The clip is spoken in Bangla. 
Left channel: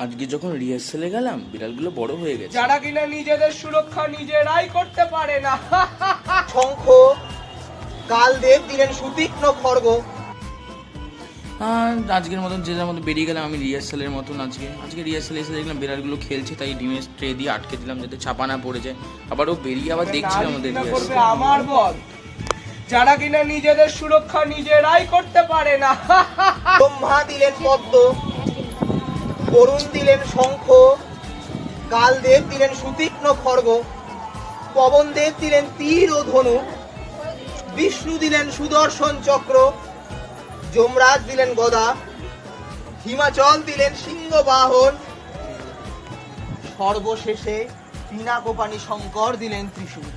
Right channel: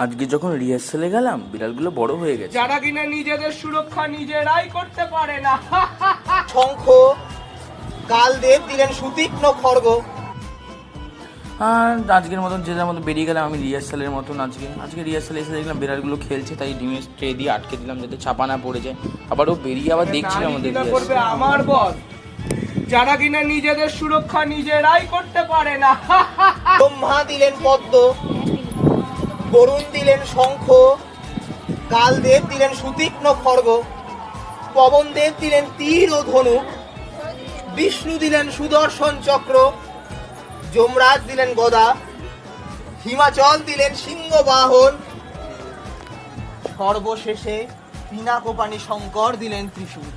আজকে যখন রিহার্সালে গেলাম বিড়ালগুলো বড় হয়ে গেছে। যারা কিনা নিজেদের সুরক্ষা নিজেরাই করতে পারে না। শঙ্খ কালদেব দিলেন সুতীক্ষ্ণ খড়গ। আর আজকের মতন যে যার মতো বেরিয়ে গেলাম আমি রিহার্সালের মতন। আজকে রিহার্সালে এসে দেখলাম বিড়ালগুলো খেলছে, তাই ডিমের ট্রে দিয়ে আটকে দিলাম যাতে চাপা না পড়ে যায়। আবার ও বেরিয়ে আবার দেখছিল আমাদের করবে আমার বল, যারা কিনা নিজেদের সুরক্ষা নিজেরাই করতে পারে না। ব্রহ্মা দিলেন পদ্ম, বরুণ দিলেন শঙ্খ, কালদেব দিলেন সুতীক্ষ্ণ খড়গ, পবনদেব দিলেন তীর ও ধনু, বিষ্ণু দিলেন সুদর্শন চক্র, যমরাজ দিলেন গদা, হিমাচল দিলেন সিংহ বাহন, সর্বশেষে পিনাকোপানি শঙ্কর দিলেন ত্রিশূল।